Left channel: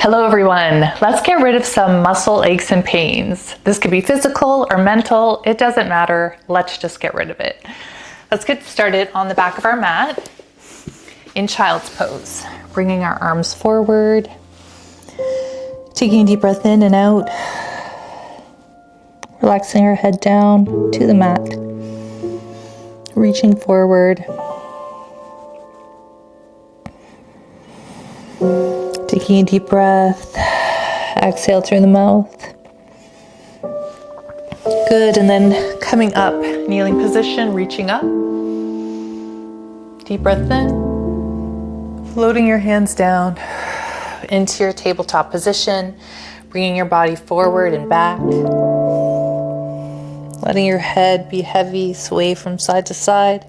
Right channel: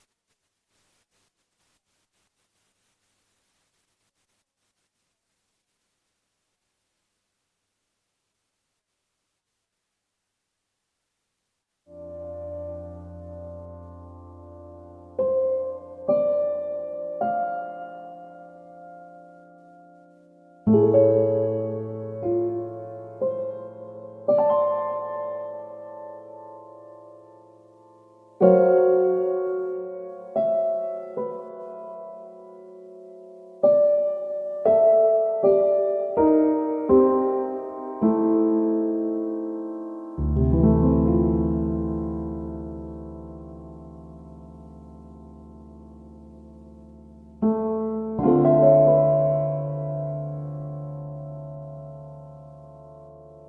Hello everyone, let's get rid of some muscle aches and pains. This could be physical or mental, it doesn't matter, let's just get rid of it. Let's get started on the back of our mat in child's pose. Bringing our arms forward, taking a deep breath in and out, relaxing our head down to the mat, reaching forward, taking a deep breath, exhale through the mouth. Good, and then coming up, kneeling position, reaching up. Deep breath in, floating your hands down into your tabletop position, bringing your body forward and back. Letting your head be heavy, sway from side to side.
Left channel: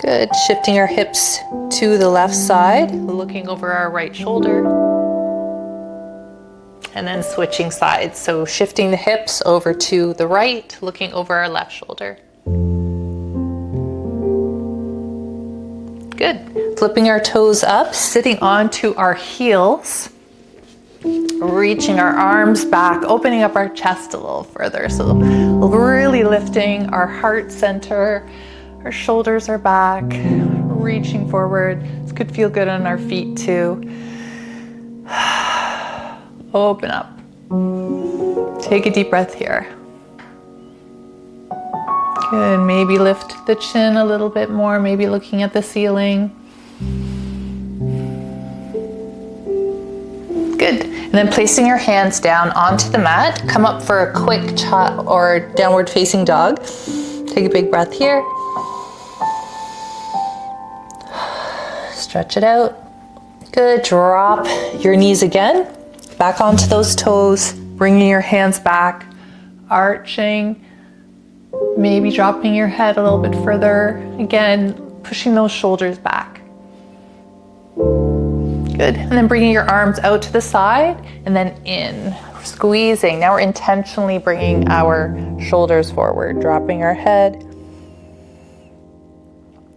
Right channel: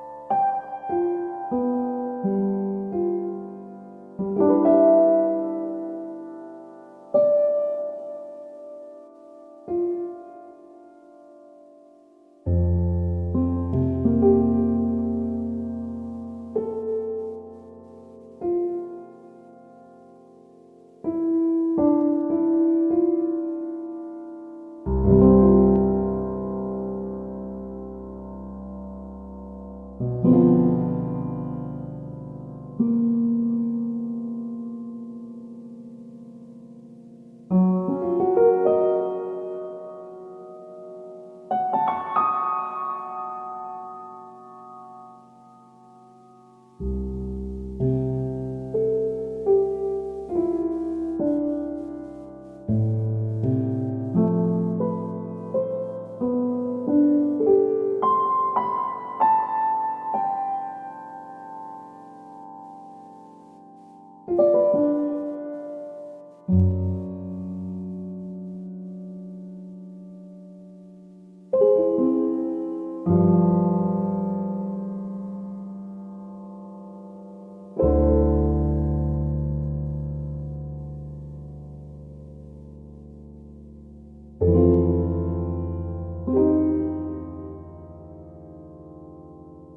Good, shifting our hips to the left side, looking over our right shoulder. And then switching sides, so shifting the hips over to the right, looking over our left shoulder. Good, flipping our toes up, sitting onto our heels, reaching our arms back, opening up our chest a little further. So really lifting our heart center. Our shoulders are back, reaching forward. This could feel good on our feet too. Open up. Take a deep breath here. Good, maybe lift the chin a little bit more, maybe looking at the ceiling. Good, and then placing your hands down onto the mat. Come up for a quick or downward facing dog. Take a big breath here. Stretch it out. Good, drop your knees again. Back onto those toes, bringing your hands back, arching, maybe dropping your head a little bit further. Again, pushing those shoulders back. Good, and then bringing your arms out to the side and then in, squeezing. Now we're intentionally bringing our shoulders forward, dropping our head.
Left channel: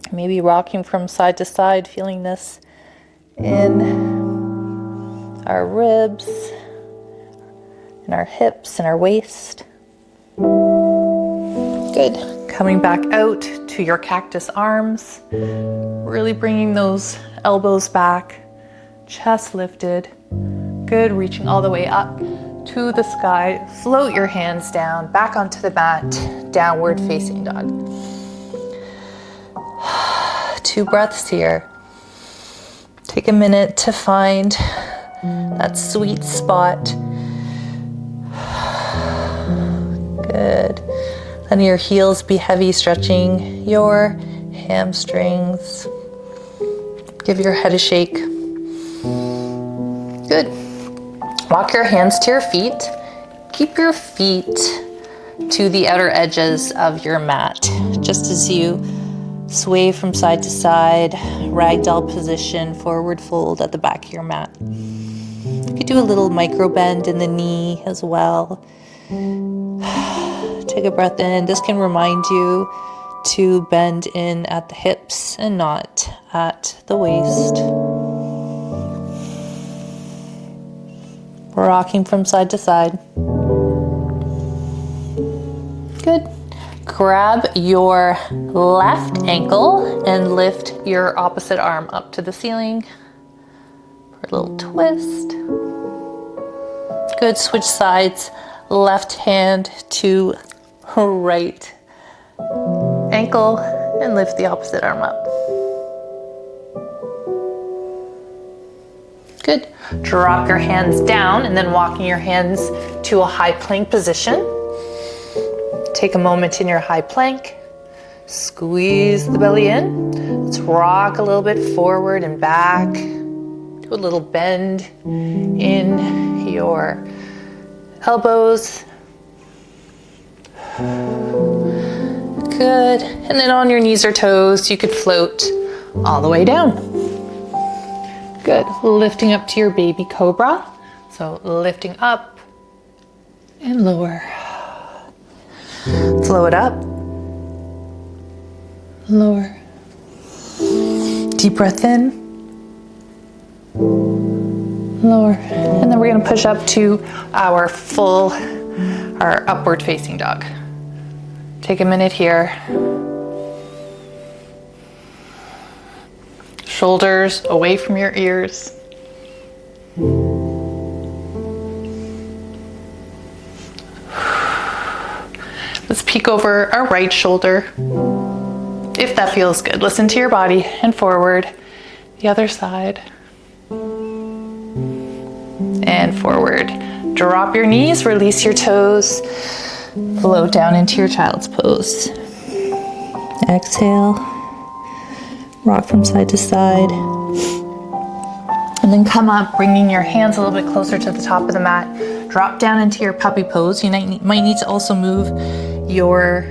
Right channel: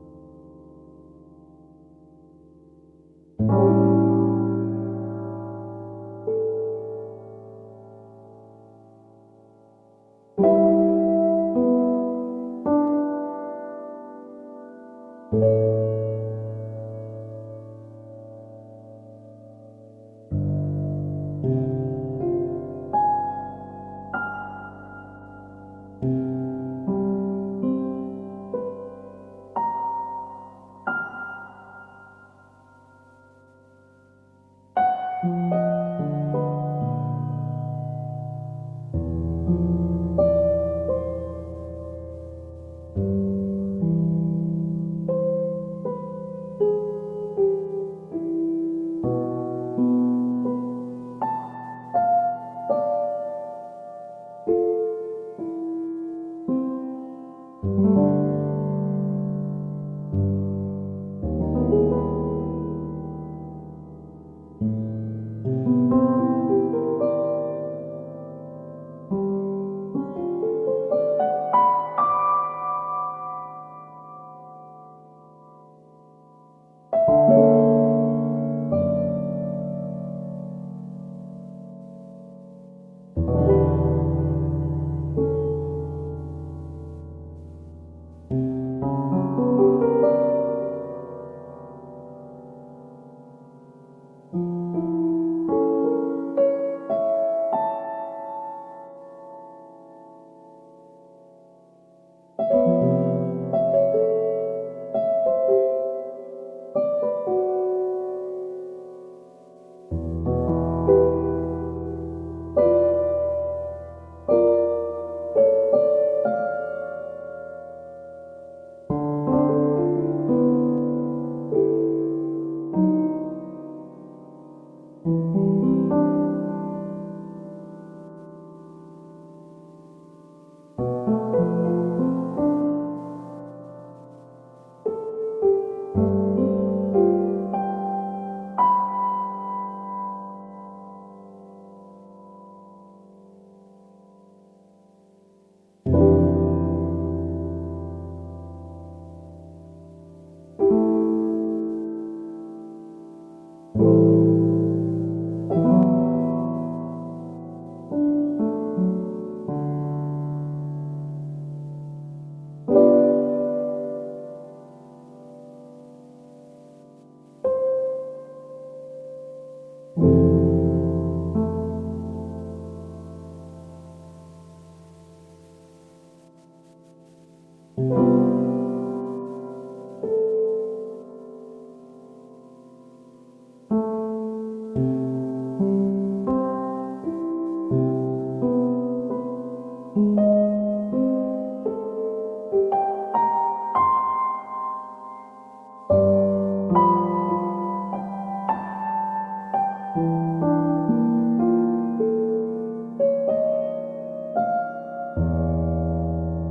Maybe rocking from side to side, feeling this in our ribs, and our hips, and our waist. Good. Coming back out to your cactus arms, really bringing those elbows back, chest lifted. Good, reaching all the way up to the sky. Float your hands down, back onto the mat, downward facing dog. 2 breaths here. Take a minute to find that sweet spot. Good. Letting your heels be heavy, stretching your hamstrings. Give your head a shake. Good. Walk your hands to your feet. Keep your feet to the outer edges of your mat, just as you sway from side to side, ragdoll position, forward fold at the back of your mat. You could do a little micro bend in the knee as well. Take a breath in. This can remind you to bend in at the hips and not at the waist. Rocking from side to side. Good. Grab your left ankle and lift your opposite arm up to the ceiling for a little twist. Good, switch sides, left hand to right ankle and lift the opposite arm up. Good, drop your hands down and then walking your hands to a high plank position. Take a moment in your high plank, squeeze the belly in. Let's rock a little bit forward and back. Do a little bend in your elbows. Good, and then on your knees or toes, you could float all the way down. Good, lifting up to your baby cobra. So lifting up and lower. Float up, lower. Deep breath in, lower. And then we're gonna push up to our upward facing dog. Take a minute here. Shoulders away from your ears. Let's peek over our right shoulder, if that feels good. Listen to your body, and forward. The other side. And forward. Drop your knees, release your toes, float down into your child's pose. Exhale, rock from side to side. And then come up, bringing your hands a little bit closer to the top of the mat. Drop down into your puppy pose. You might need to also move your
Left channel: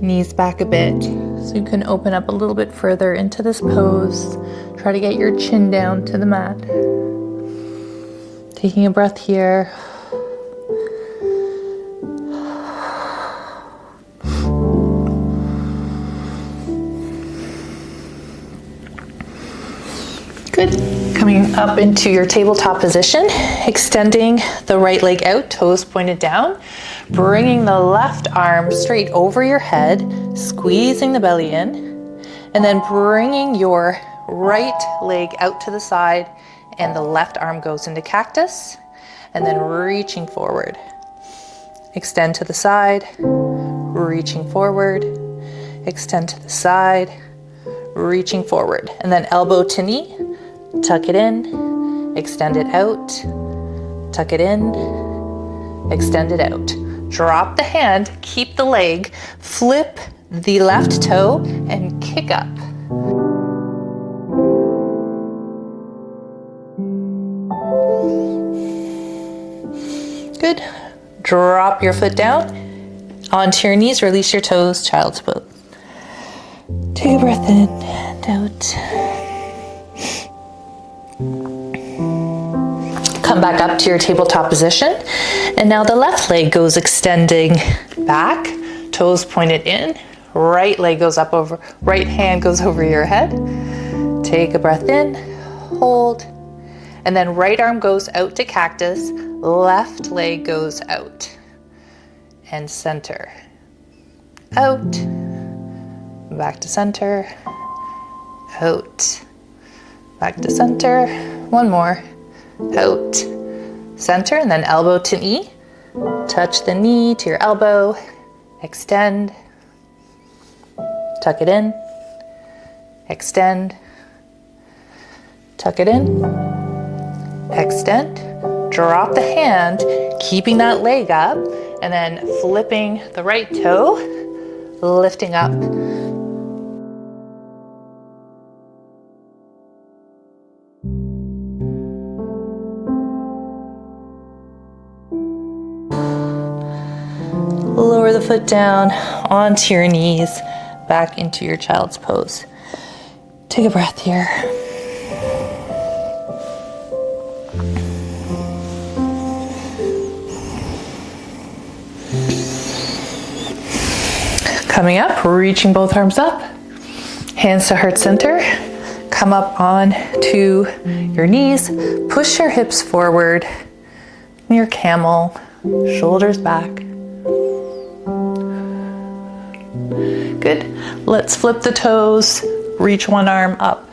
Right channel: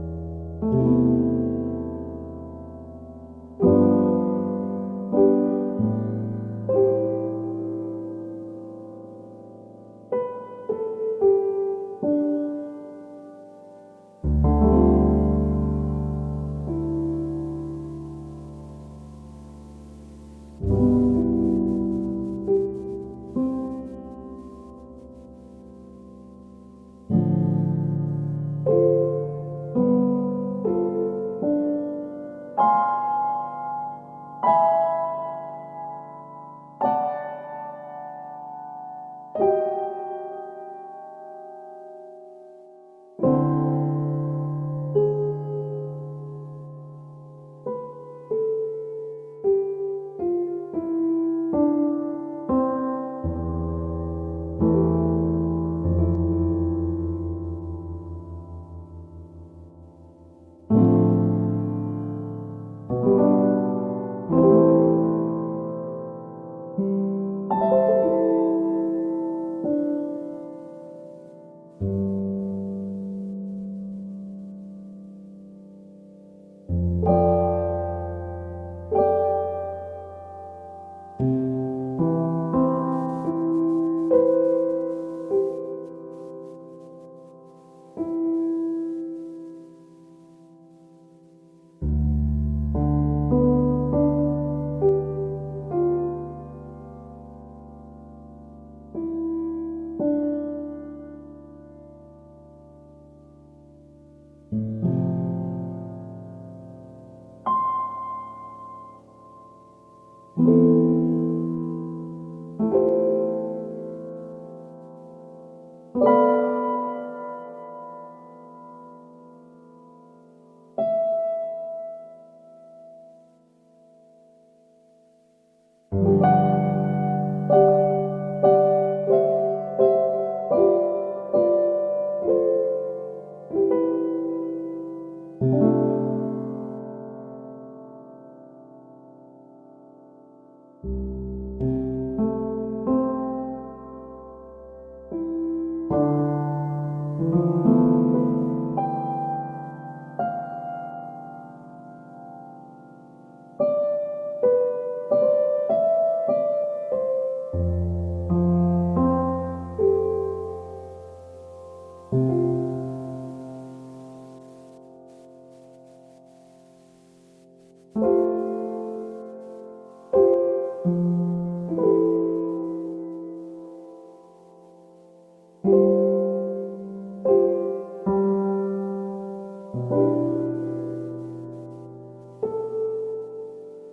knees back a bit so you can open up a little bit further into this pose. Try to get your chin down to the mat. Taking a breath here. Good. Coming up into your tabletop position, extending the right leg out, toes pointed down, bringing the left arm straight over your head, squeezing the belly in, and then bringing your right leg out to the side, and the left arm goes into cactus, and then reaching forward. Extend to the side, reaching forward, extend to the side, reaching forward, and then elbow to knee. Tuck it in, extend it out, tuck it in, extend it out. Drop the hand, keep the leg, flip the left toe, and kick up. Good. Drop your foot down, onto your knees, release your toes, child's pose. Take a breath in and out. Come back up to your tabletop position. And now the left leg goes extending back, toes pointed in, right leg goes up over, right hand goes over your head. Take a breath in, hold, and then right arm goes out to cactus, left leg goes out. And center. Out, back to center, out, back to center, one more. Out, center, and then elbow to knee. Touch the knee to your elbow, extend, tuck it in, extend, tuck it in, extend, drop the hand, keeping that leg up, and then flipping the right toe, lifting up. Lower the foot down onto your knees, back into your child's pose. Take a breath here. Coming up, reaching both arms up, hands to heart center. Come up on to your knees, push your hips forward, your camel, shoulders back. Good. Let's flip the toes, reach one arm up,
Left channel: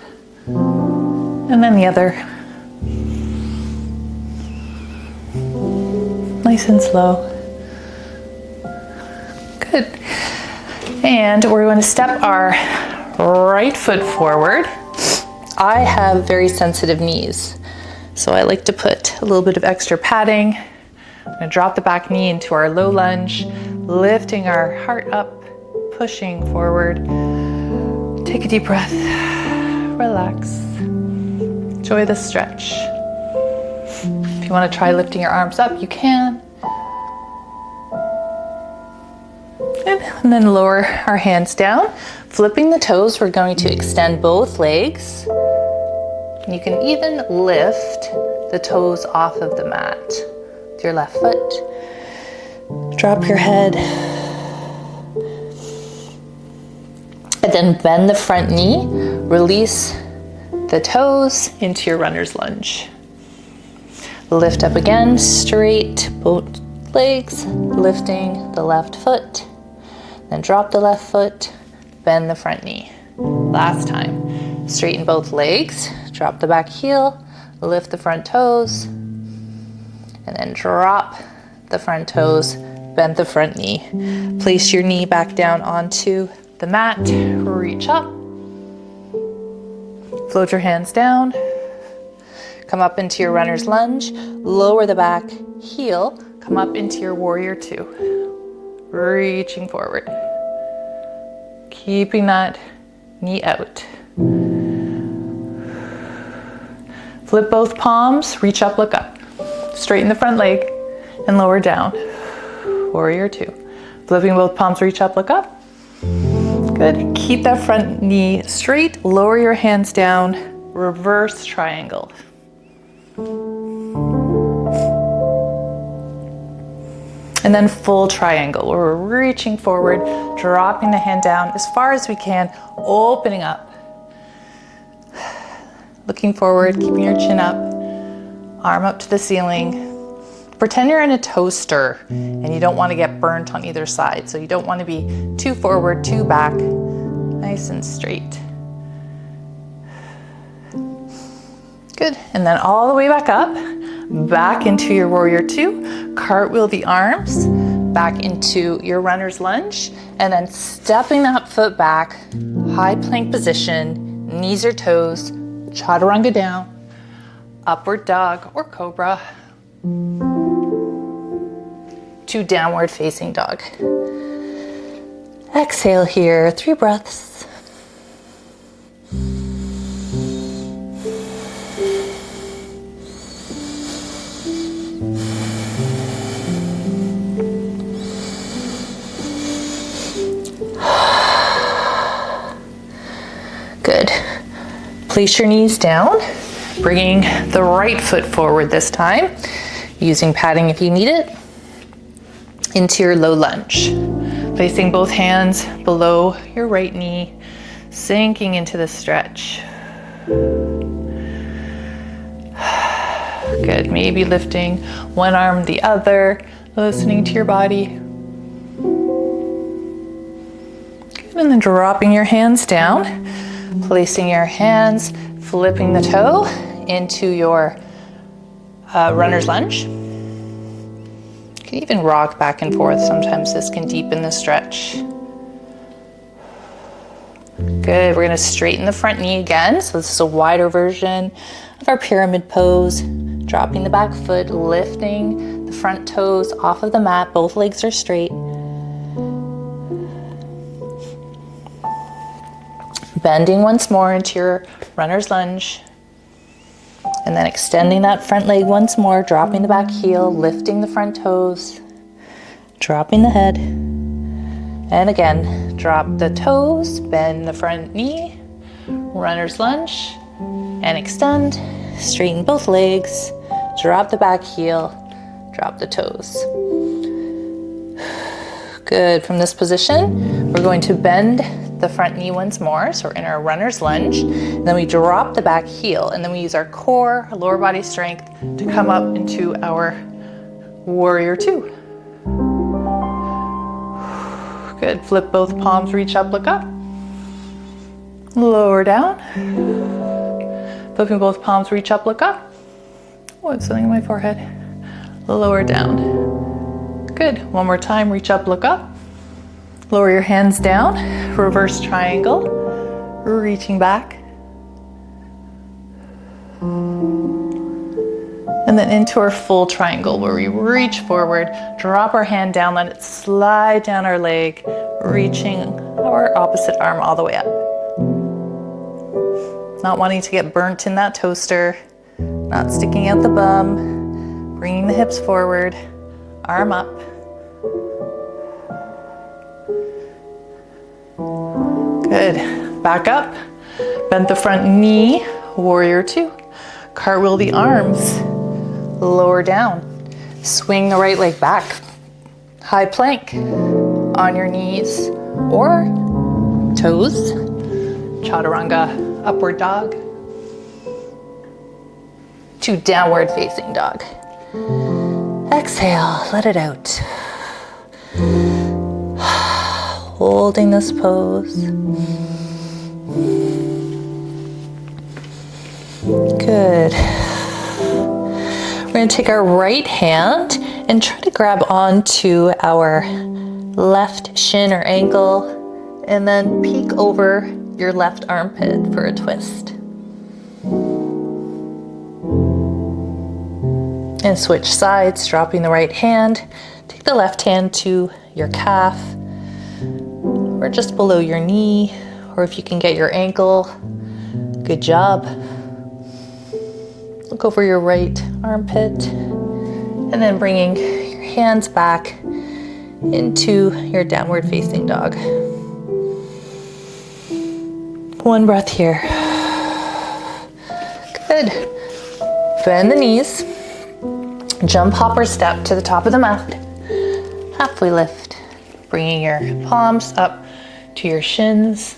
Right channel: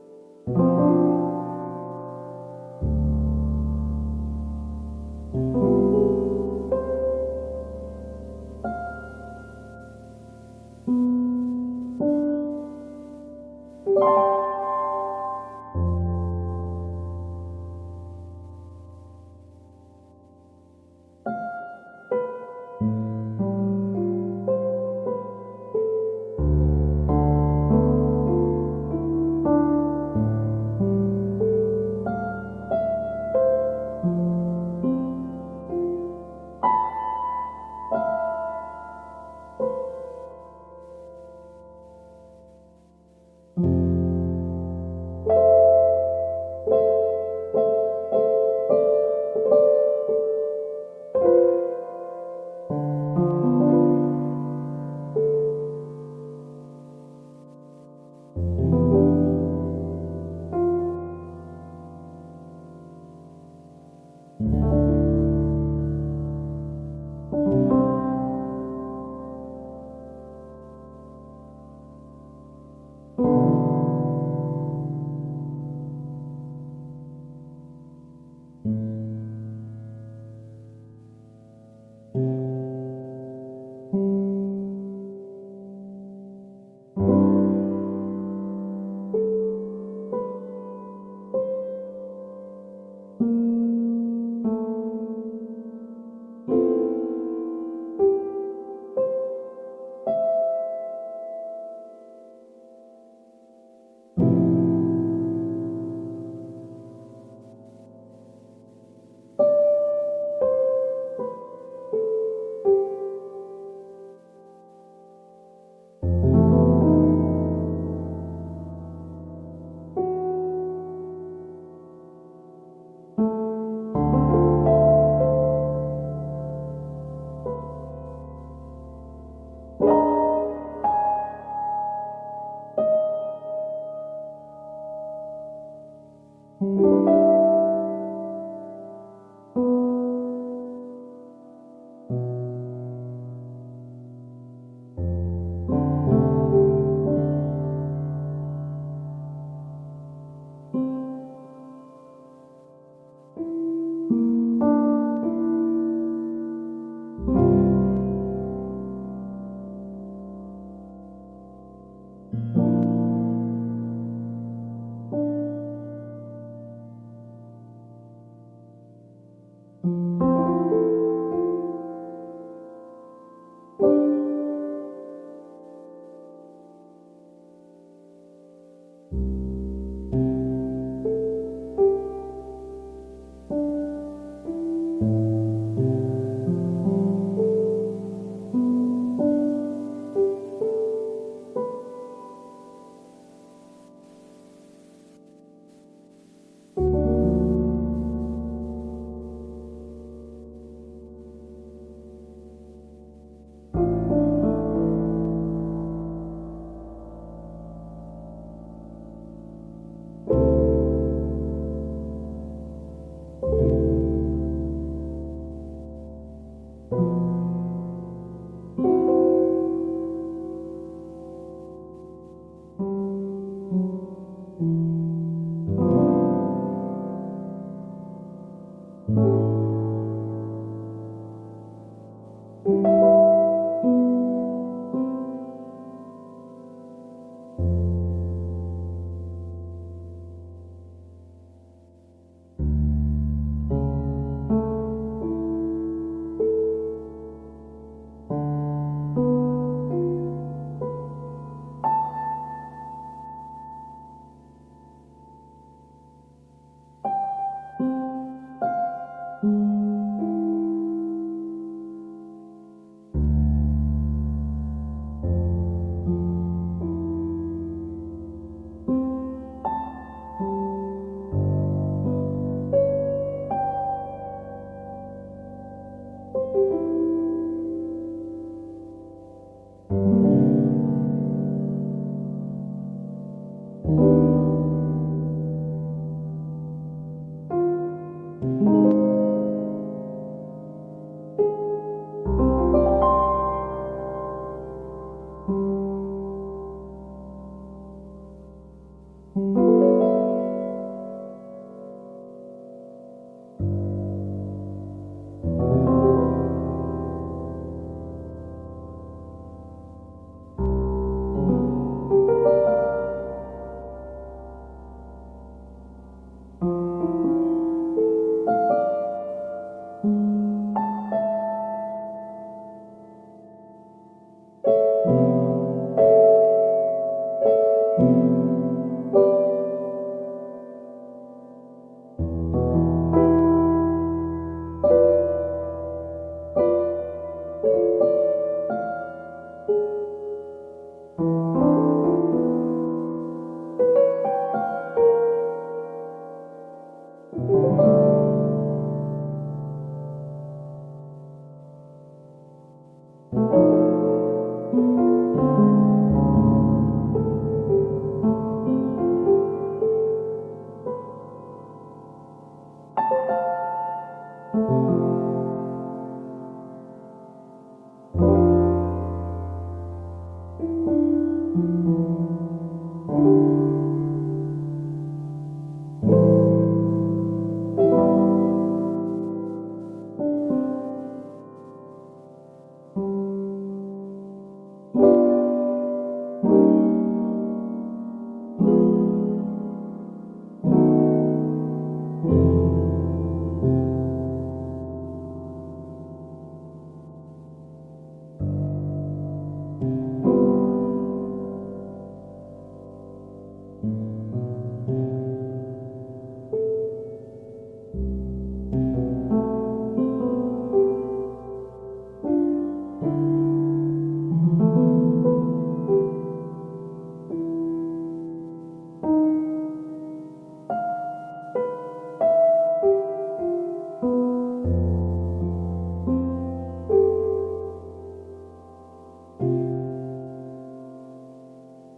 and then the other. Nice and slow. Good. And we're going to step our right foot forward. I have very sensitive knees, so I like to put a little bit of extra padding. I'm going to drop the back knee into our low lunge, lifting our heart up, pushing forward. Take a deep breath, relax, enjoy the stretch. If you want to try lifting your arms up, you can. And then lower our hands down, flipping the toes. We're going to extend both legs. You can even lift the toes off of the mat with your left foot. Drop your head. And then bend the front knee, release the toes into your runner's lunge. Lift up again, straight both legs, lifting the left foot, then drop the left foot, bend the front knee. Last time, straighten both legs, drop the back heel, lift the front toes, and then drop the front toes, bend the front knee. Place your knee back down onto the mat, reach up, float your hands down, come up into your runner's lunge, lower the back heel, come up into your warrior two, reaching forward, keeping that knee out. Flip both palms, reach up, look up. Straighten the front leg and lower down. Warrior two. Flipping both palms, reach up, look up. Good. Keep that front knee straight. Lower your hands down. Reverse triangle. And then full triangle. We're reaching forward, dropping the hand down as far as we can, opening up. Looking forward, keeping your chin up, arm up to the ceiling. Pretend you're in a toaster and you don't want to get burnt on either side. So you don't want to be too forward, too back, nice and straight. Good, and then all the way back up, back into your warrior two, cartwheel the arms, back into your runner's lunge, and then stepping that foot back, high plank position, knees or toes, chaturanga down, upward dog or cobra, to downward facing dog. Exhale here, 3 breaths. Good. Place your knees down, bringing the right foot forward this time, using padding if you need it, into your low lunge. Placing both hands below your right knee, sinking into the stretch. Good, maybe lifting one arm, the other, listening to your body. Good, and then dropping your hands down, placing your hands, flipping the toe into your runner's lunge. You can even rock back and forth. Sometimes this can deepen the stretch. Good, we're gonna straighten the front knee again. So this is a wider version of our pyramid pose. Dropping the back foot, lifting the front toes off of the mat. Both legs are straight. Bending once more into your runner's lunge. And then extending that front leg once more, dropping the back heel, lifting the front toes, dropping the head. And again, drop the toes, bend the front knee, runner's lunge, and extend. Straighten both legs, drop the back heel, drop the toes. Good, from this position, we're going to bend the front knee once more. So we're in our runner's lunge, then we drop the back heel, and then we use our core, our lower body strength to come up into our warrior two. Good, flip both palms, reach up, look up. Lower down. Flipping both palms, reach up, look up. Oh, it's something in my forehead. Lower down. Good, one more time, reach up, look up. Lower your hands down, reverse triangle, reaching back. And then into our full triangle where we reach forward, drop our hand down, let it slide down our leg, reaching our opposite arm all the way up. Not wanting to get burnt in that toaster, not sticking out the bum, bringing the hips forward, arm up. Good, back up, bend the front knee, warrior two. Cartwheel the arms, lower down. Swing the right leg back. High plank on your knees or toes. Chaturanga, upward dog. To downward facing dog. Exhale, let it out. Holding this pose. Good. We're going to take our right hand and try to grab onto our left shin or ankle and then peek over your left armpit for a twist. And switch sides, dropping the right hand. Take the left hand to your calf or just below your knee, or if you can get your ankle, good job. Look over your right armpit and then bringing your hands back into your downward facing dog. One breath here. Good. Bend the knees. Jump, hop, or step to the top of the mat. Halfway lift. Bringing your palms up to your shins.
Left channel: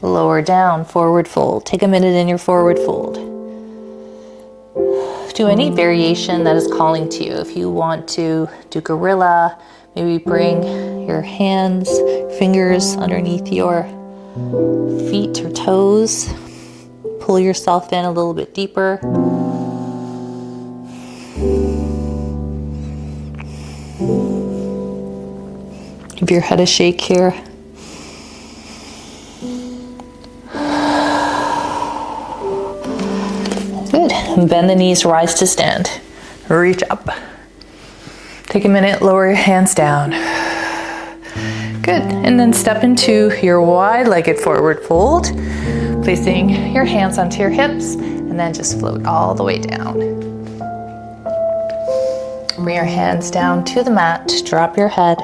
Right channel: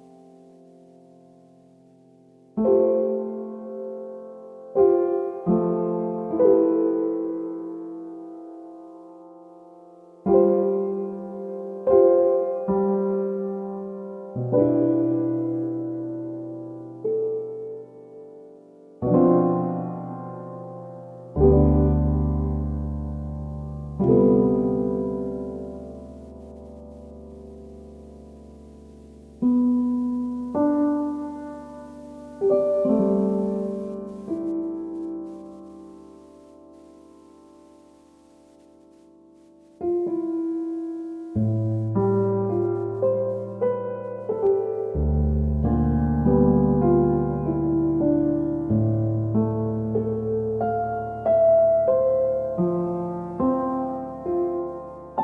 Lower down, forward fold. Take a minute in your forward fold. Do any variation that is calling to you. If you want to do gorilla, maybe bring your hands, fingers underneath your feet or toes. Pull yourself in a little bit deeper. Give your head a shake here. Good. Bend the knees, rise to stand. Reach up. Take a minute, lower your hands down. Good. And then step into your wide-legged forward fold, placing your hands onto your hips, and then just float all the way down. Bring your hands down to the mat, drop your head.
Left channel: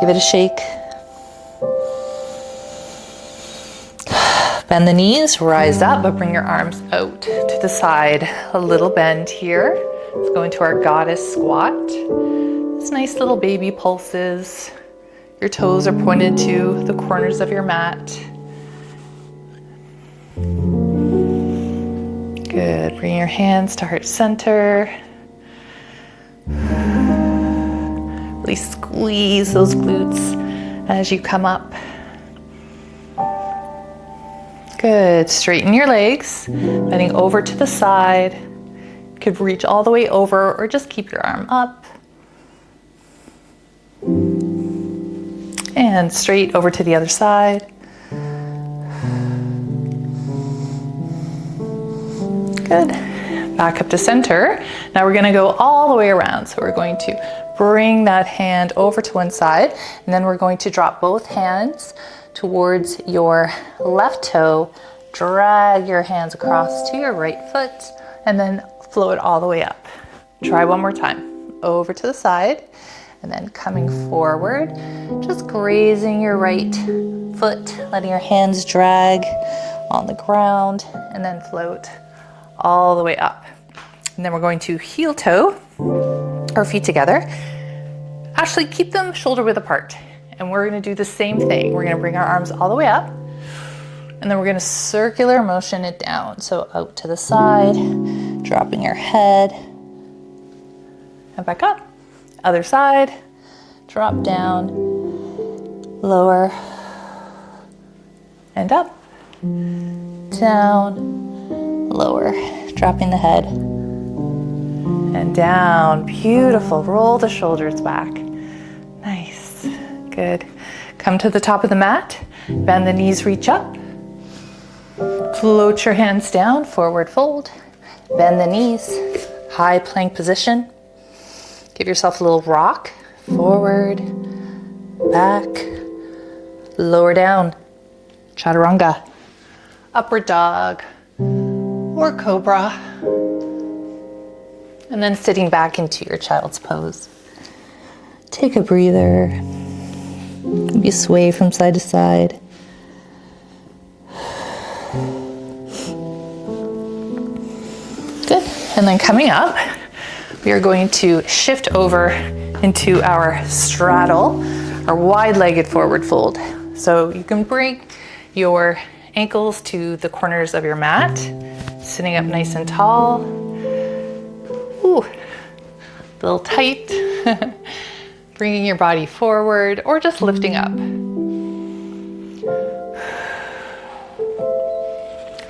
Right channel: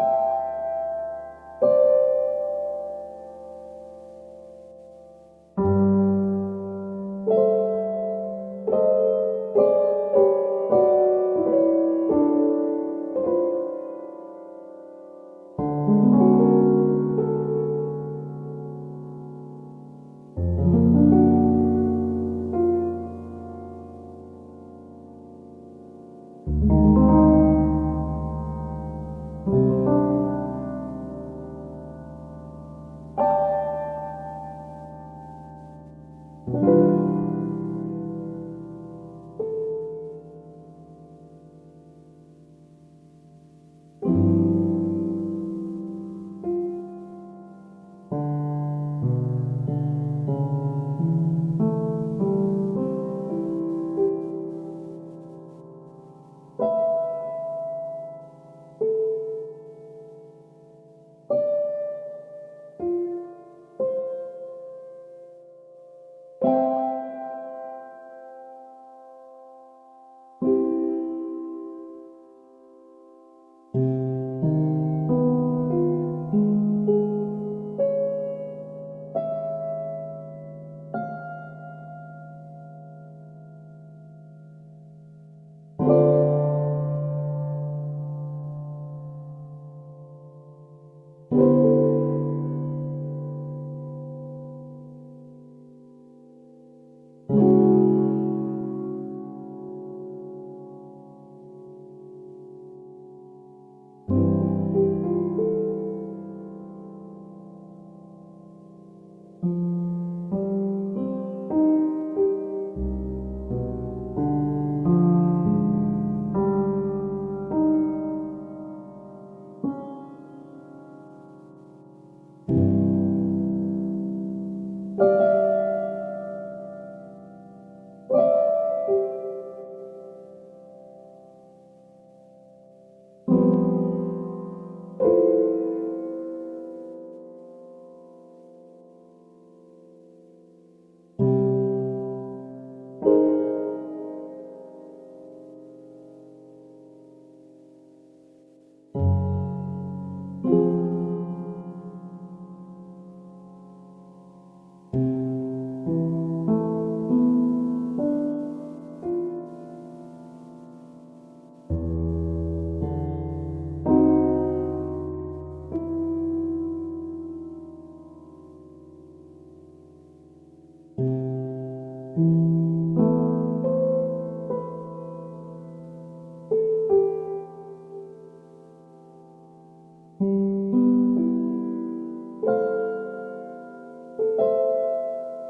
Give it a shake. Bend the knees, rise up, but bring your arms out to the side. A little bend here. Let's go into our goddess squat. It's nice little baby pulses. Your toes are pointed to the corners of your mat. Good. Bring your hands to heart center. Really squeeze those glutes as you come up. Good. Straighten your legs, bending over to the side. You could reach all the way over or just keep your arm up. And straight over to the other side. Good. Back up to center. Now we're going to go all the way around. So we're going to bring that hand over to one side, and then we're going to drop both hands towards your left toe. Drag your hands across to your right foot, and then float all the way up. Try one more time. Over to the side, and then coming forward, just grazing your right foot, letting your hands drag on the ground, and then float all the way up. And then we're going to heel toe our feet together. Actually, keep them shoulder width apart. And we're going to do the same thing. We're going to bring our arms all the way up, and then we're going to circular motion it down. So out to the side, dropping your head, and back up. Other side, drop down, lower, and up, down, lower, dropping the head, and down. Beautiful. Roll the shoulders back. Nice. Good. Come to the top of the mat. Bend the knees, reach up. Float your hands down, forward fold. Bend the knees, high plank position. Give yourself a little rock. Forward, back, lower down. Chaturanga. Upward dog or cobra. And then sitting back into your child's pose. Take a breather. Maybe sway from side to side. Good. And then coming up, we are going to shift over into our straddle, our wide-legged forward fold. So you can bring your ankles to the corners of your mat, sitting up nice and tall. Ooh, a little tight. Bringing your body forward or just lifting up.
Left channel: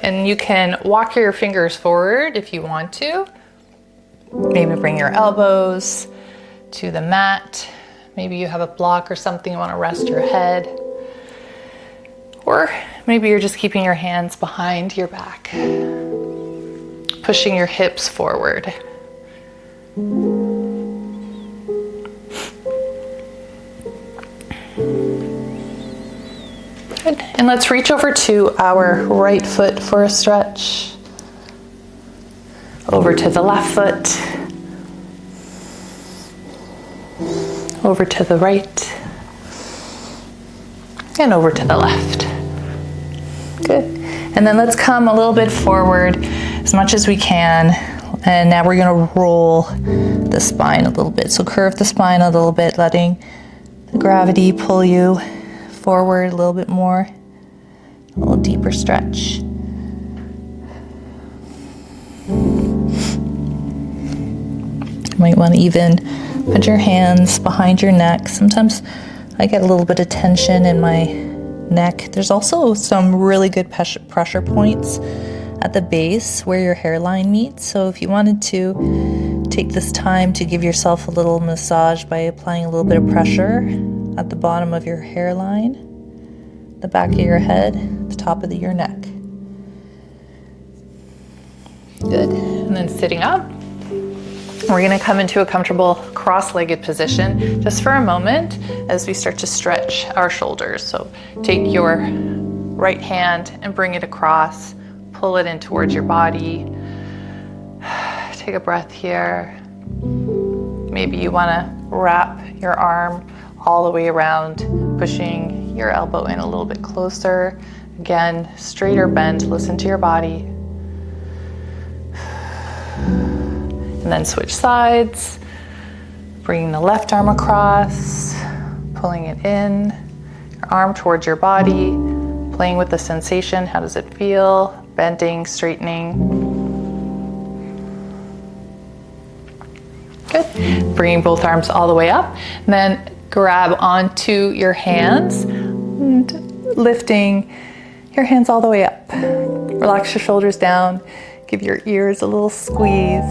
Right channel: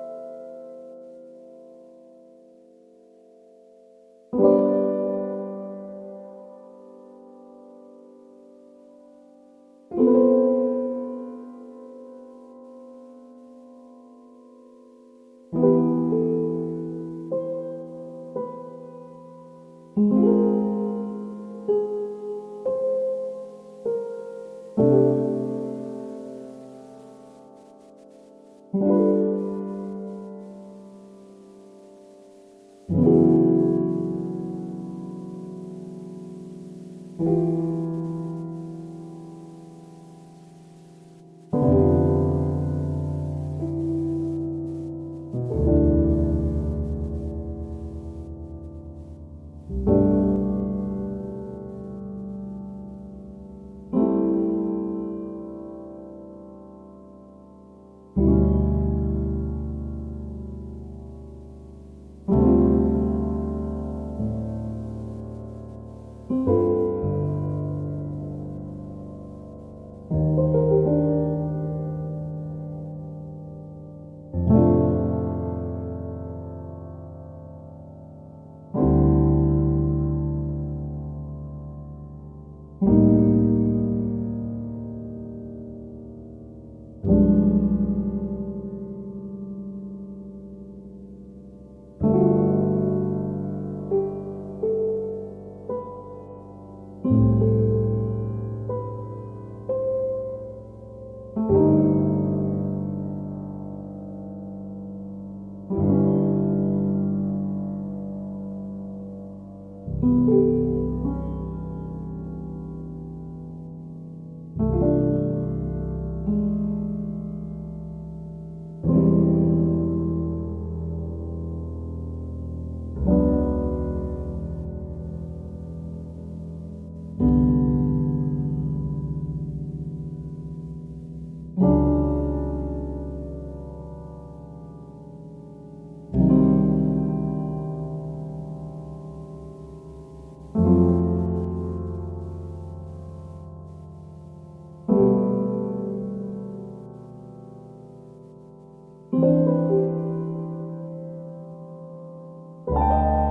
And you can walk your fingers forward if you want to. Maybe bring your elbows to the mat. Maybe you have a block or something you want to rest your head. Or maybe you're just keeping your hands behind your back, pushing your hips forward. Good. And let's reach over to our right foot for a stretch. Over to the left foot. Over to the right. And over to the left. Good. And then let's come a little bit forward as much as we can. And now we're going to roll the spine a little bit. So curve the spine a little bit, letting the gravity pull you forward a little bit more. A little deeper stretch. You might want to even put your hands behind your neck. Sometimes I get a little bit of tension in my neck. There's also some really good pressure points at the base where your hairline meets. So if you wanted to take this time to give yourself a little massage by applying a little bit of pressure at the bottom of your hairline, the back of your head, the top of your neck. Good. And then sitting up. We're going to come into a comfortable cross-legged position just for a moment as we start to stretch our shoulders. So take your right hand and bring it across, pull it in towards your body. Take a breath here. Maybe you want to wrap your arm all the way around, pushing your elbow in a little bit closer. Again, straighter bend, listen to your body. And then switch sides, bringing the left arm across, pulling it in, your arm towards your body, playing with the sensation. How does it feel? Bending, straightening. Good. Bringing both arms all the way up. And then grab onto your hands and lifting your hands all the way up. Relax your shoulders down. Give your ears a little squeeze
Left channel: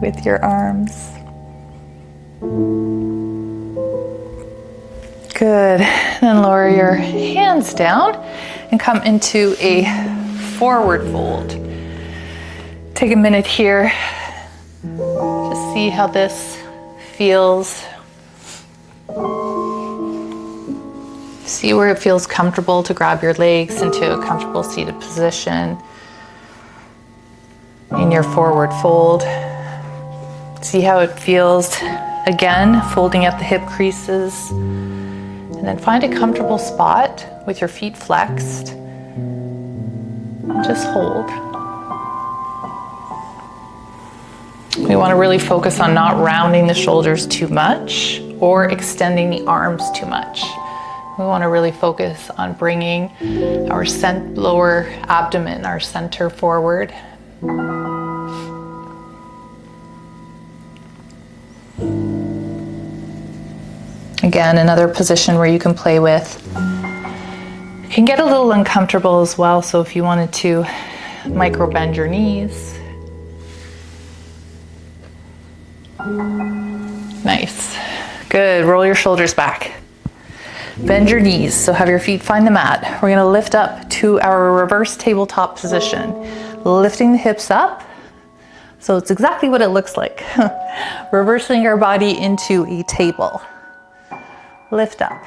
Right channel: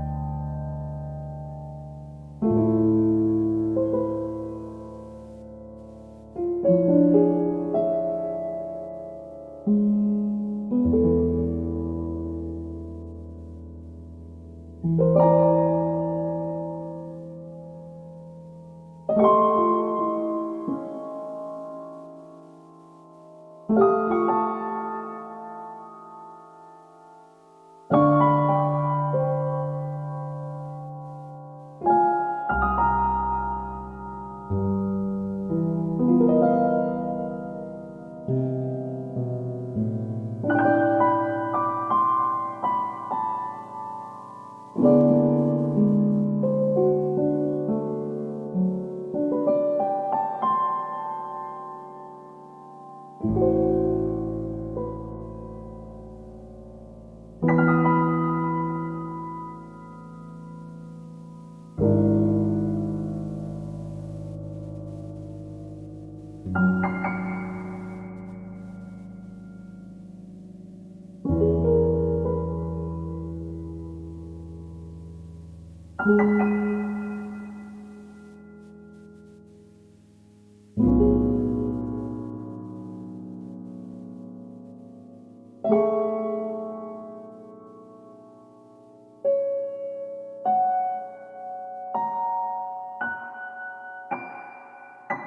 with your arms. Good. And then lower your hands down and come into a forward fold. Take a minute here. Just see how this feels. See where it feels comfortable to grab your legs into a comfortable seated position in your forward fold. See how it feels. Again, folding at the hip creases. And then find a comfortable spot with your feet flexed. Just hold. We want to really focus on not rounding the shoulders too much or extending the arms too much. We want to really focus on bringing our lower abdomen, our center forward. Again, another position where you can play with. It can get a little uncomfortable as well, so if you wanted to micro bend your knees. Nice. Good. Roll your shoulders back. Bend your knees, so have your feet find the mat. We're going to lift up to our reverse tabletop position. Lifting the hips up. So it's exactly what it looks like. Reversing our body into a table. Lift up.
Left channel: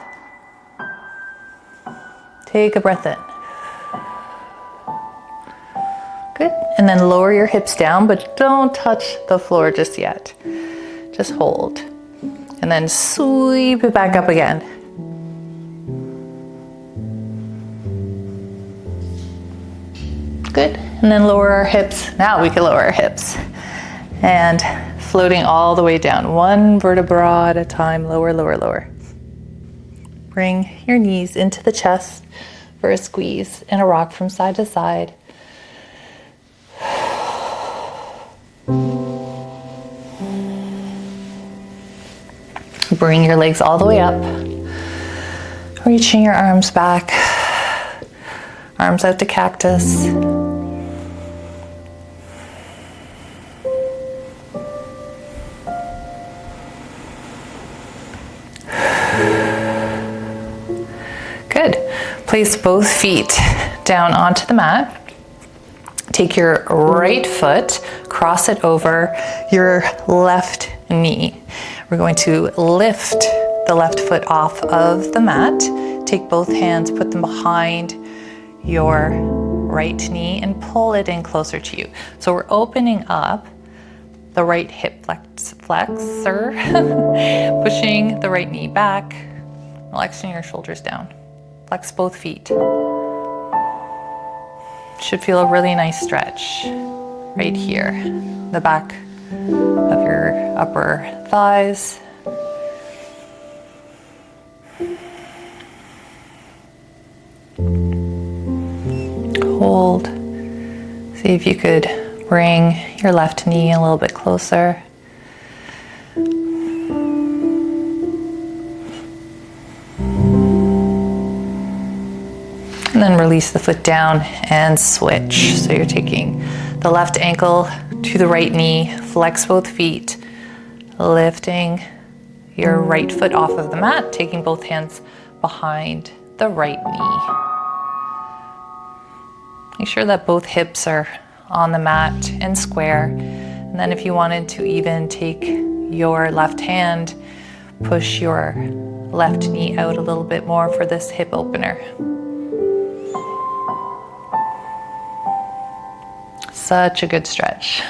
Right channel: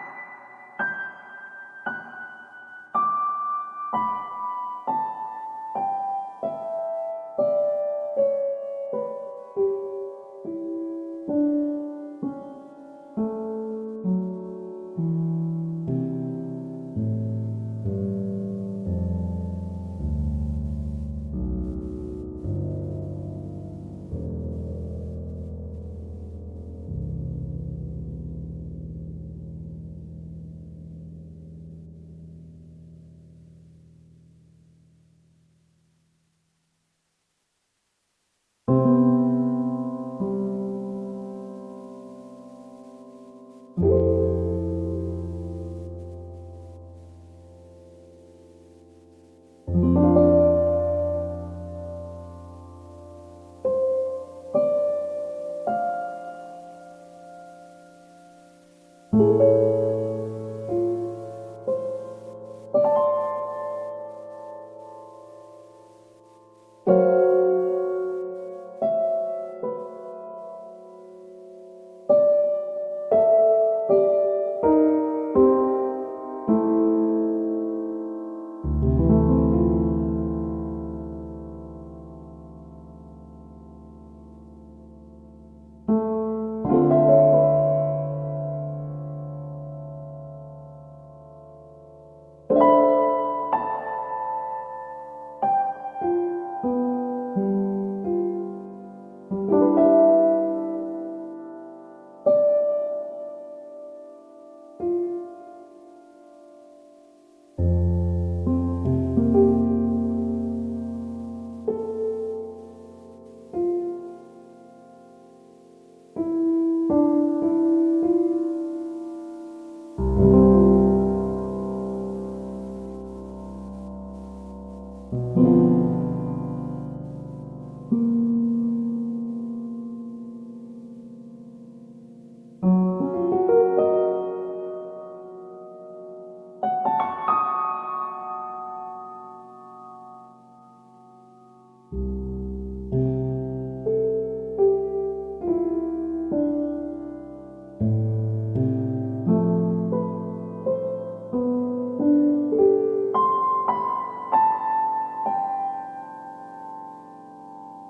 Take a breath in. Good. And then lower your hips down, but don't touch the floor just yet. Just hold. And then sweep it back up again. Good. And then lower our hips. Now we can lower our hips. And floating all the way down. One vertebra at a time. Lower, lower, lower. Bring your knees into the chest for a squeeze and a rock from side to side. Bring your legs all the way up. Reaching your arms back. Arms out to cactus. Good. Place both feet down onto the mat. Take your right foot, cross it over your left knee. We're going to lift the left foot off of the mat. Take both hands, put them behind your right knee and pull it in closer to you. So we're opening up the right hip flexor, pushing the right knee back, relaxing your shoulders down. Flex both feet. Should feel a really nice stretch right here, the back of your upper thighs. Hold. See if you could bring your left knee a little bit closer. And then release the foot down and switch. So you're taking the left ankle to the right knee, flex both feet, lifting your right foot off of the mat, taking both hands behind the right knee. Make sure that both hips are on the mat and square. And then if you wanted to even take your left hand, push your left knee out a little bit more for this hip opener. Such a good stretch.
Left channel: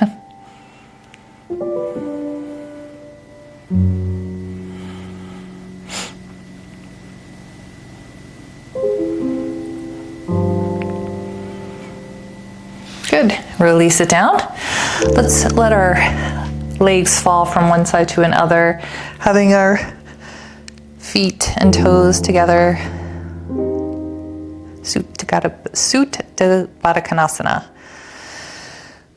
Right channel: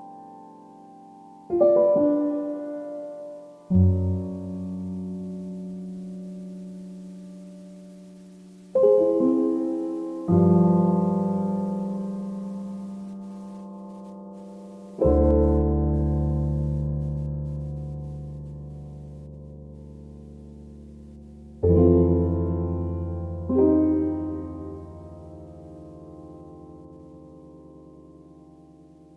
Good. Release it down. Let's let our legs fall from one side to another, having our feet and toes together. Soothe Baddha.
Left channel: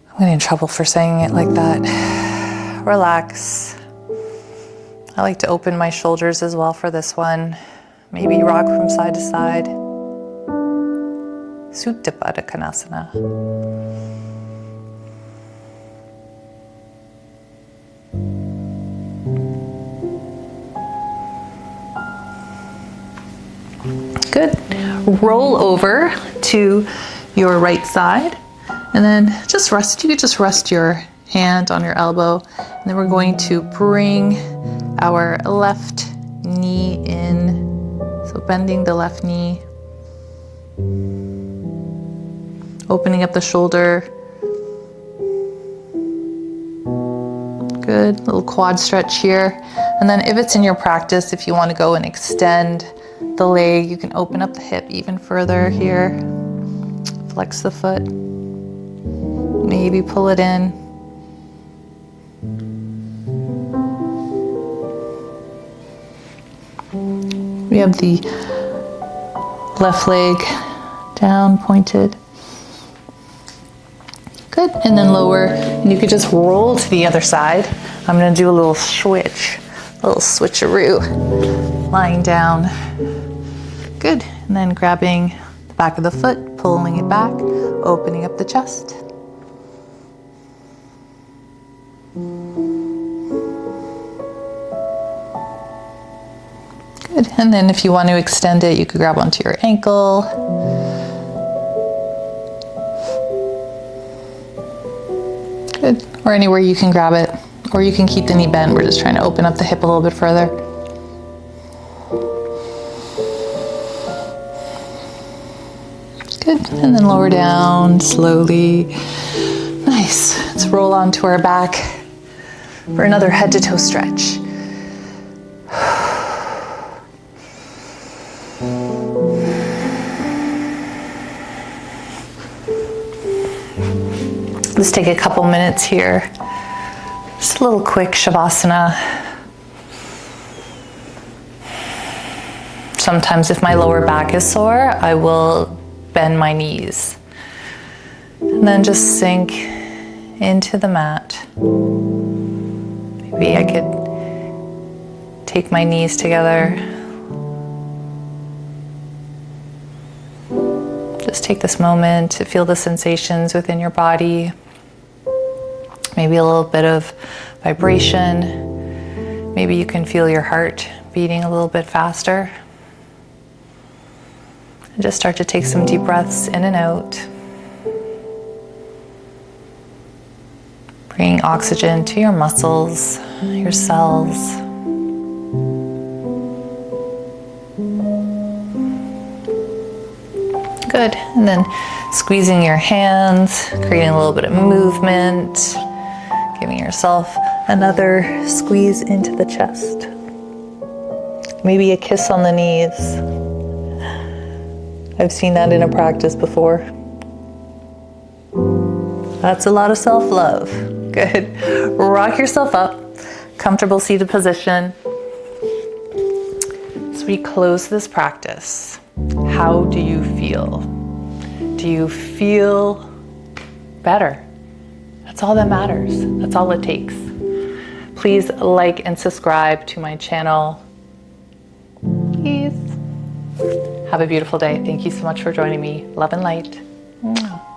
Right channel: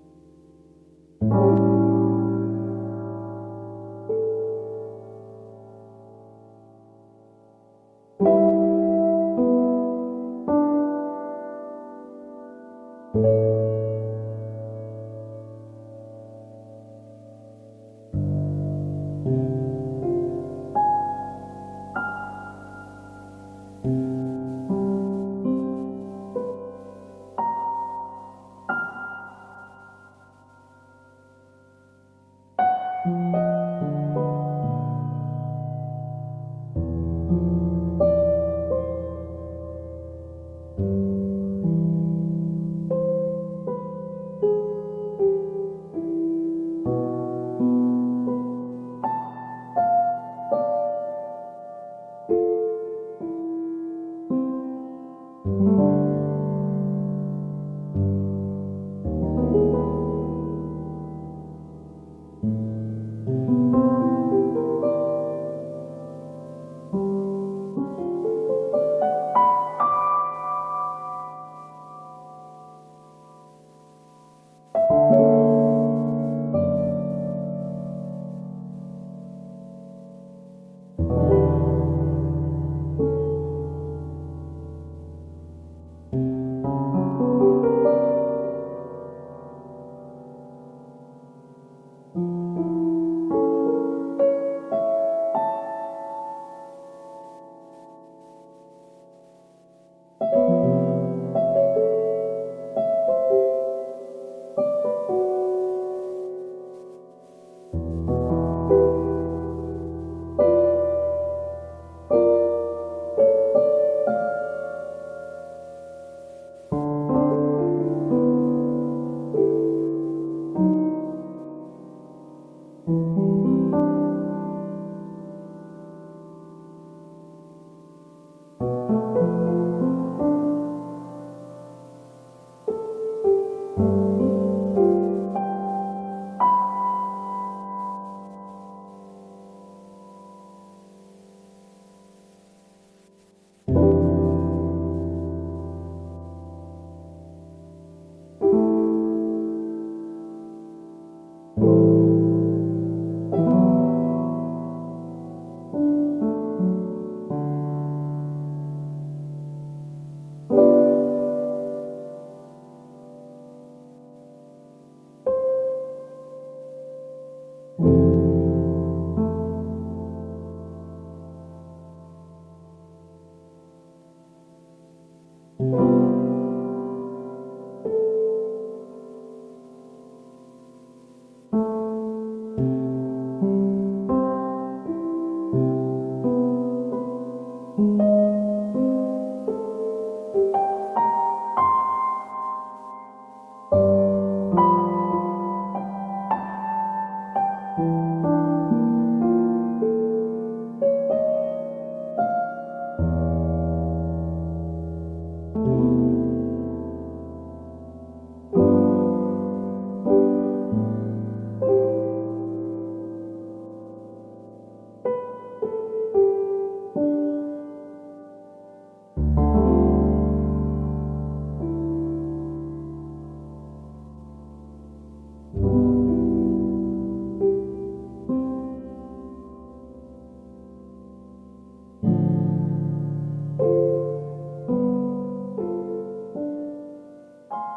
I'm getting in trouble for saying it like that. Relax. I like to open my shoulders as well for this one. Maybe rock from side to side. Soothe Baddha. Good. Roll over to your right side. And then just rest, you could just rest your hand on your elbow. And then we're going to bring our left knee in. So bending the left knee. Opening up the shoulder. Good, little quad stretch here. And then if it's in your practice, if you want to go and extend the leg, you can open up the hip even further here. Flex the foot. Maybe pull it in. We have the left leg down, pointed. Good, and then lower, and you could just roll to the other side. I'm gonna do a little switch, a little switcheroo. Lying down. Good, and then grabbing the back of the foot, pulling it back, opening up the chest. Good, and then if you want to extend it, you could grab onto your ankle. Good, or anywhere you can grab it, or you can keep the knee bent. We're just trying to open up the hip a little bit further. Good, and then lower down slowly. Nice, let's roll onto our back for another head to toe stretch. Let's take a couple minutes here. Just a little quick Shavasana. Sometimes if my lower back is sore, I will bend my knees. And then just sink into the mat. Maybe I could Take my knees together. Just take this moment to feel the sensations within your body. Maybe a little bit of vibration. Maybe you can feel your heart beating a little bit faster. And just start to take some deep breaths in and out. Bringing oxygen to your muscles, your cells. Good. And then squeezing your hands, creating a little bit of movement, giving yourself another squeeze into the chest. Maybe a kiss on the knees. I've seen that in a practice before. That's a lot of self-love. Good. Rock yourself up. Comfortable seated position. As we close this practice, how do you feel? Do you feel better? That's all that matters. That's all it takes. Please like and subscribe to my channel. Please. Have a beautiful day. Thank you so much for joining me. Love and light. Mwah.